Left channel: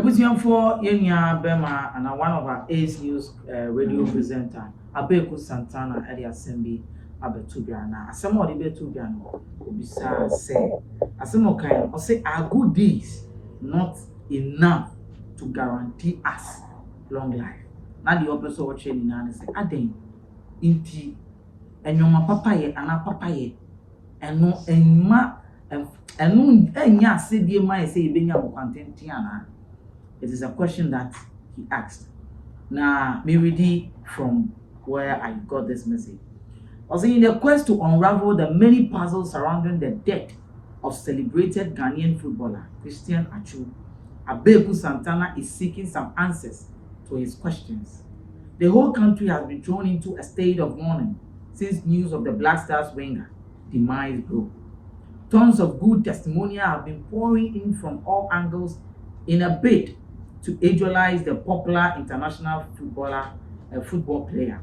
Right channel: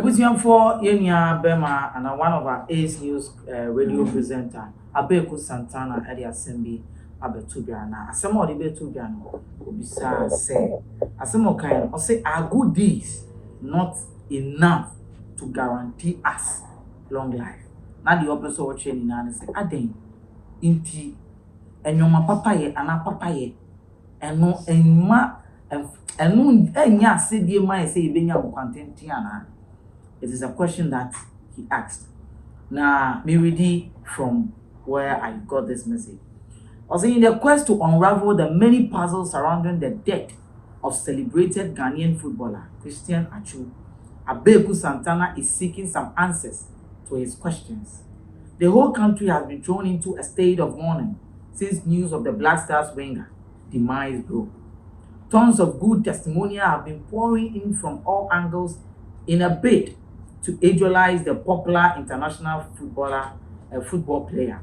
Ebusiam for Yenya Bema and one of our Ace News radio presenter, Abeiku Santana at the assembly, Abetubiana. Asamo de Betubiano, Bisa say, Asamo kind or say our good deeds not enough to guarantee us long life. Now the opposite of training and say, Aden, inti, and your papa ye, and our papa ye, and no, and ma, and no, and ya said, dear my say, Benya content Tiana. It is a question that he asked. Now, me read from where I got this message. I was in the quest to unravel the many puzzles surrounding the death of celebrated Ghanaian footballer Christian Atsu, Abeiku Santana is seeking some answers to his questions. The whole country has been thrown into a state of mourning since news of the Black Stars winger demise broke. Tons of good testimonial have been pouring in from all angles in a bid to idolize the popular international football player.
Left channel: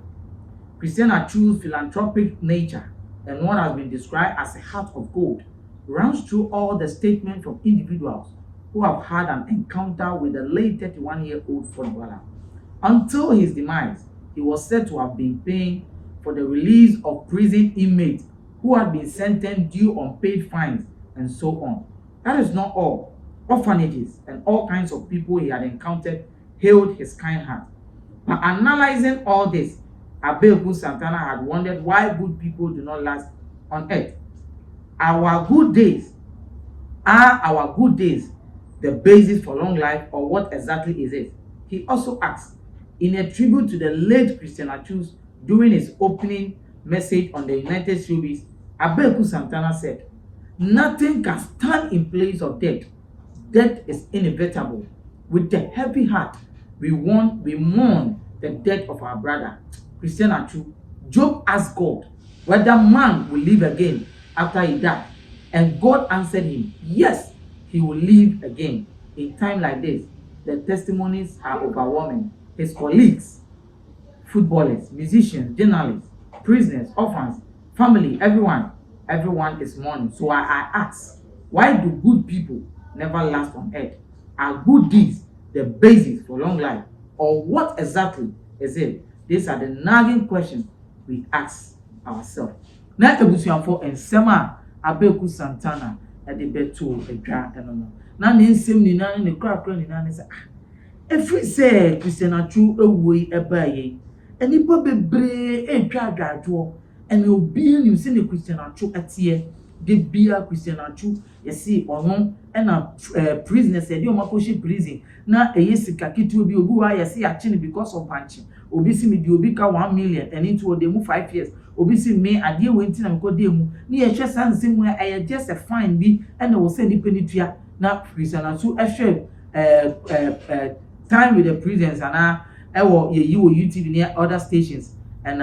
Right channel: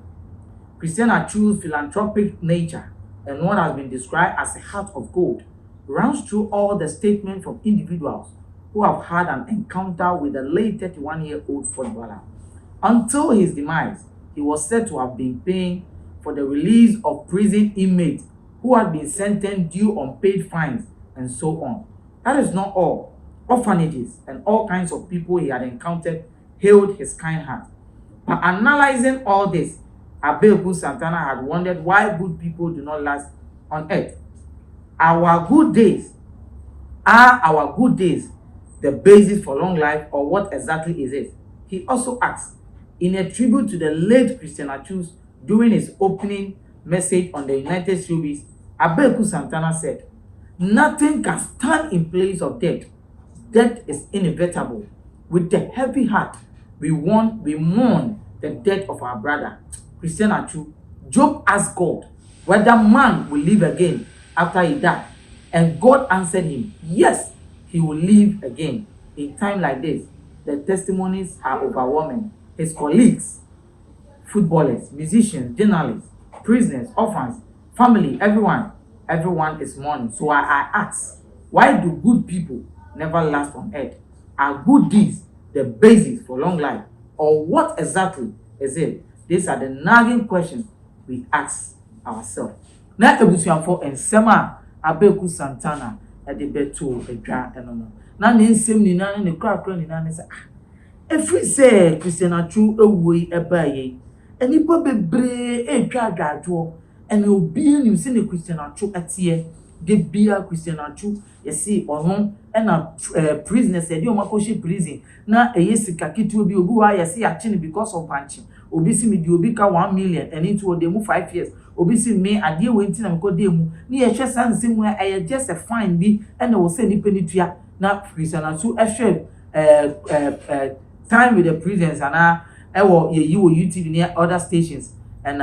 Christian Atsu's philanthropic nature and what has been described as a heart of gold runs through all the statements from individuals who have had an encounter with the late 31-year-old footballer. Until his demise, he was said to have been paying for the release of prison inmates who had been sentenced due unpaid fines and so on. That is not all. Orphanages and all kinds of people he had encountered hailed his kind heart. But analyzing all this, Abeiku Santana had wondered why good people do not last on earth. Are our good days the basis for long life, or what exactly is it? He also asked, in a tribute to the late Christian Atsu during his opening message on the United Showbiz, Abeiku Santana said, "Nothing can stand in place of death. Death is inevitable. With a heavy heart, we mourn the death of our brother, Christian Atsu. Job asked God whether man will live again after he died, and God answered him, yes, he will live again. In time like this, the testimonies are overwhelming. His colleagues, footballers, musicians, journalists, prisoners, orphans, family, everyone is mourning. So I ask, why do good people never last on earth? Are good deeds the basis for long life, or what exactly is it? These are the nagging questions we ask ourselves. Na ebusuafo ensema Abeiku Santana e de beto edwa enono. Na ne nsem ni na ne krakra ni na ne se efri se Christian Atsu ewoi ebaye. Enipa bebre etwa adwadwo ene obi anim se ne Christian Atsu atie de bia Christian Atsu yesi ono na prisoners e de omakoshi prison na eyesika kitu obi wa yesi achi because of punching. Obi si me di obi ka 1 million and into dem 5 years. Obi si me ade we nti na me ko dem ni ye hwe sanse mu e just a fine bi and we say ni penitua na Christian Atsu time with the prisons and ye wo YouTube near other stations and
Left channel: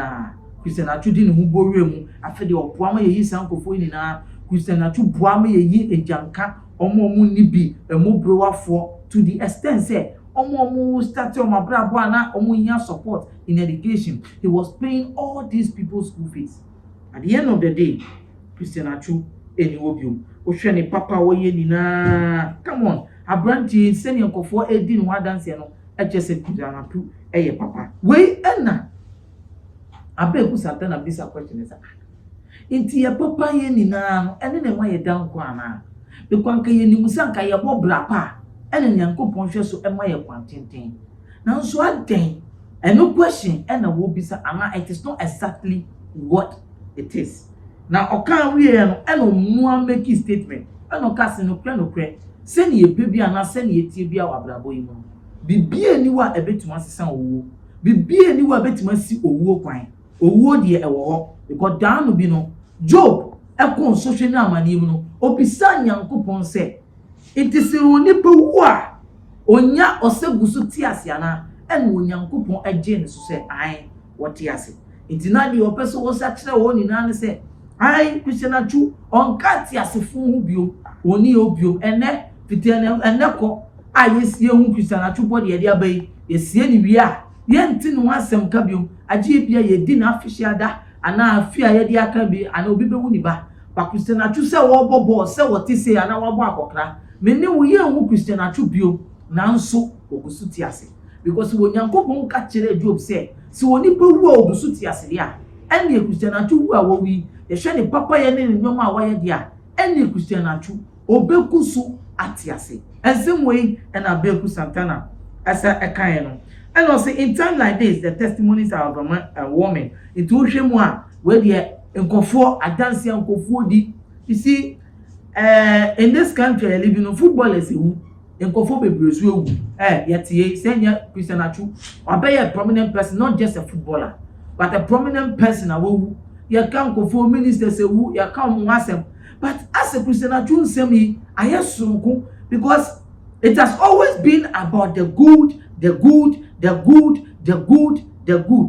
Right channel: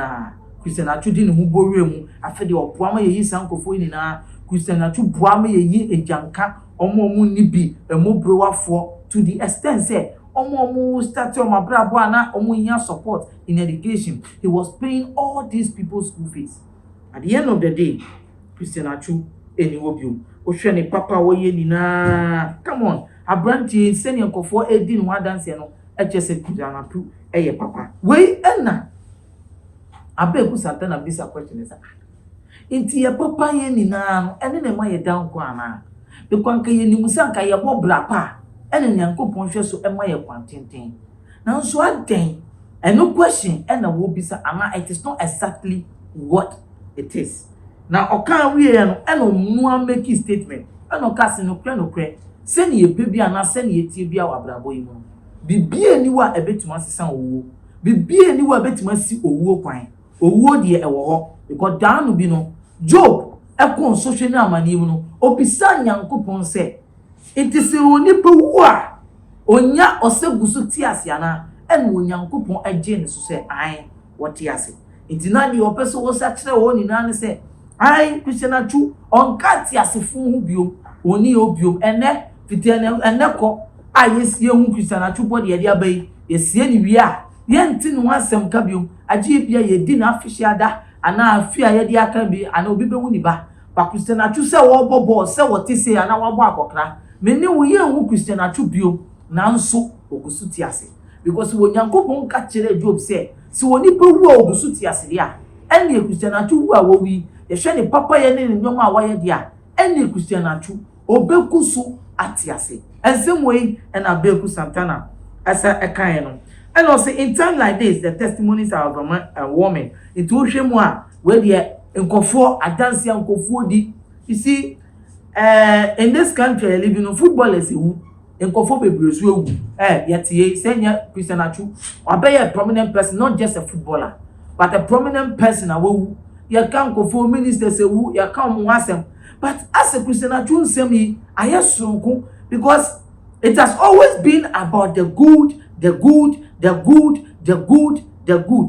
Christian Atsu di ne hu bowe mu afa de opoama ye yi sankofo ni na Christian Atsu boama ye yi ejanka omo ni bi emobrewaфо to the extent say omo start on my brabo na omo nya support in education. He was paying all these people's school fees. At the end of the day, Christian Atsu eni obium o hwe ne papa wo ye ni na come on abranti send yankofo edi no dance no echese Christian Atsu eye papa we na Abeiku Santana bisa question is inti ye papa ye ni na no ene ne ma ye dan ko ana be kwanka ye ni musanka ye bo brapa ene nyankopon hwe so ema ye kwantenten na nso aden no question ena wo bisa ama it is not exactly what it is. Now okan we no ena mu make statement ena ka se no kre se ne ye pebi ana se ne ye tie bia wa brabo yi mu bibie ni wa ebetuma sesan owo bibie ni wa ebetuma si owo kwan owo de ewo ho because dan no bi no Job ekon social na amani mu no obisa nyankopon se it is onipa wu a onya osegusu tiase ana ena onyankopon agye ne so se ai wotiase intina ni opeso wo sa kire wo ni na ne se ai Christian Atsu onka tiasefo hu biom oni obiom ene fitiane ene ko ayesie hu Christian Atsu body ye dia bai yesie ni wi a ye ntinu asem ka biom agye bia ye di na afihia da ana afia ye dia ka bi ana obi be hu ni ba Christian Atsu se wo bobo se wo ti se ana wo bo akokra me ni wo ye hu Christian Atsu biom nanso ogusu ti ase because wo Nyankopon ka kire Job say si woni pa wu a ogusu ti ase dia ene Christianatu wu a wo wi ye hwe ne papa ye ne nyom a waye dia ene Christianatu obeku so ati ase ensem we and Abeiku Santana asa ekan no and also in time like this the testimonies are of a woman into hwemu a we de nkofo adanse nkofo di you see in this country living on footballers who nkofo bebre so ewu yetie senya Christianatu obey a prominent person not just a footballer but a prominent person awu ye kan nkofo ministers ewu ye kan mo asem but as a Christianatu nsem yi ayesonko because it has always been about the good.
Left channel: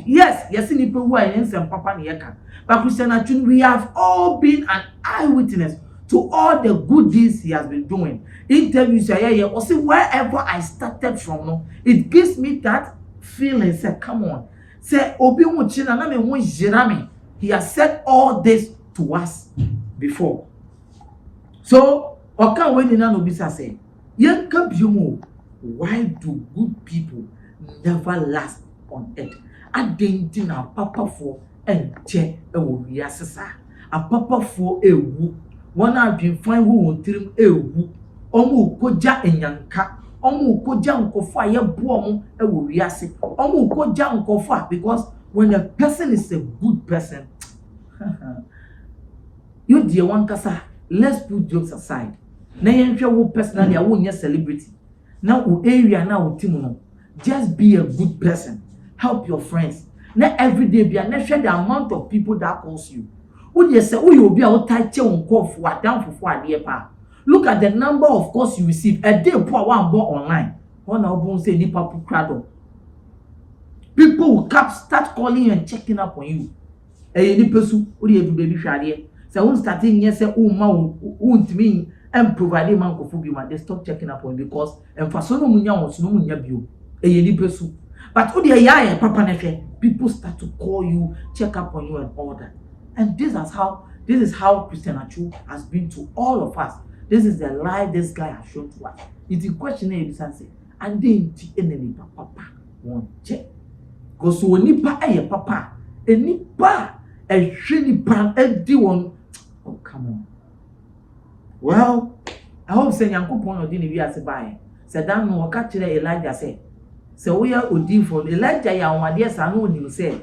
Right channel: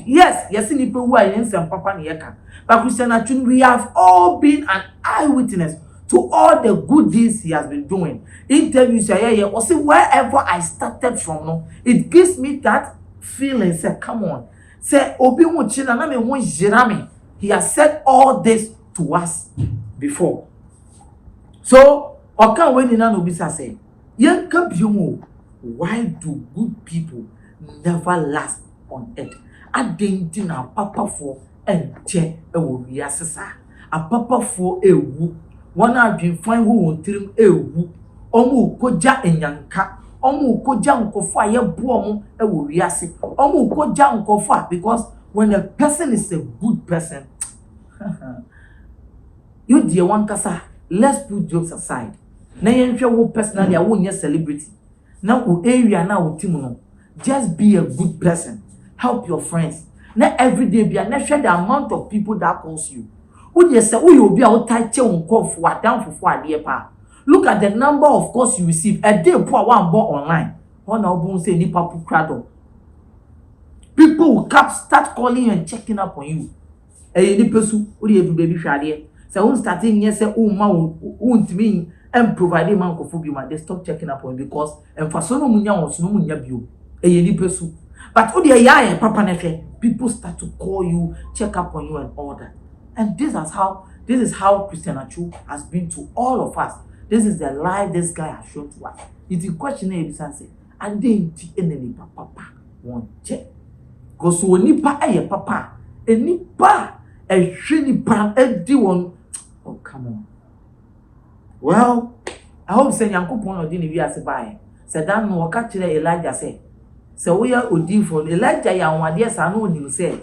Yes, in people who are in some papa nieka. But Christianatu, we have all been an eyewitness to all the good deeds he has been doing. Interviews or see wherever I started from, no, it gives me that feeling. Say, come on, say, Obi Muchina na me won jirame. He has said all this to us before. So, okan we ni na no bisa say, yanka biumu. Why do good people never last on earth? Adenti na papa for enche ewo wiasesa. A papa for ewu. One have been fine who won tirim ewu. Omu koja enyanka. Omu koja nkofo aye buomu ewo wiase. Omu koja nkofo because when a person is a good person, you dear one kasa, let's put jokes aside. Na yenhwe wo personally a wo nye celebrity. Now area now timuno. Just be a good person. Help your friends. Not every day be a share the amount of people that calls you. Would you say, you will be out tight on call for down for a year pa? Look at the number of calls you receive a day per one bought online. One album say ni papu crado. People will start calling you and checking up on you. Any person would you baby shady? So won't starting yes, say, oh, ma won't mean and providing man for they stop checking up on you because and for so no munya on so no munya bio. Any person. But when you are papa nefe, people start to call you, check up on you and all that. And this is how Christianatu has been to all of us. This is the life this guy has shown to us. It's a question and say, and then any papa won't check. Because when nipa papa, a nipa a shiny pan a one. Oh come on. Well, I hope say Yankopon no dini wi ase bae. Said dan no ka kire Elijah say. Say we are odinfo Elijah ya onwade sa no onim say.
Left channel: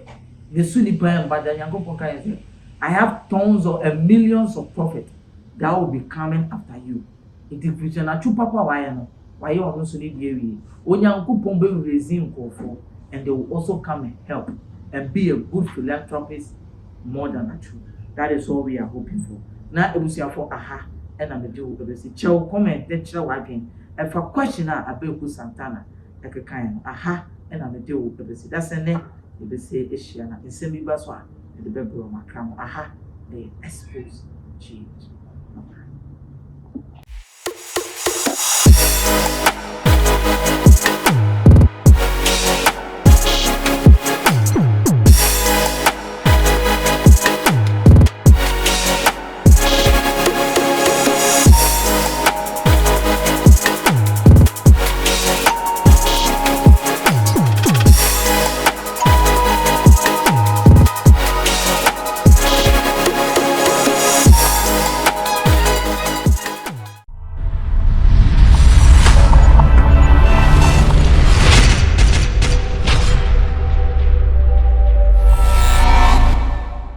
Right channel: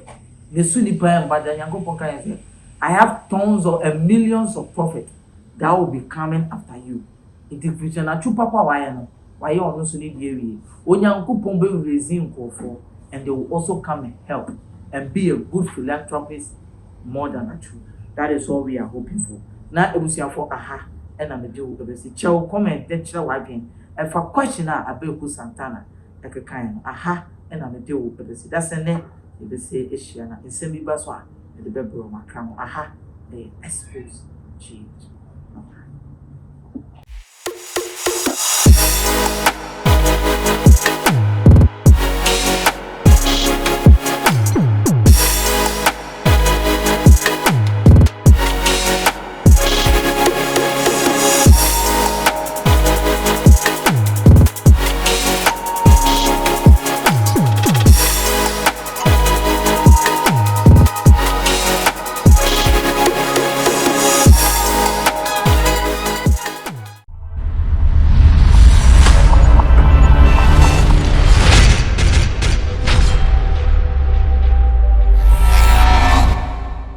Ne su nipa en bada Yankopon kan say. I have tons of millions of prophets that will be coming after you. It is Christianatu papa why no. Why you no so ni die wi. Onyankopon be raise nkofo and they will also come and help and be a good philanthropist more than a true. That is all we are hoping for. Now ebusiafo aha and I'm do obesi chew comment then chira wadwen and for question Abeiku Santana ekeka aha and I'm do obesi that's ene ebesi ehia na nsem bi ba so a de bebro makam aha Xposed change.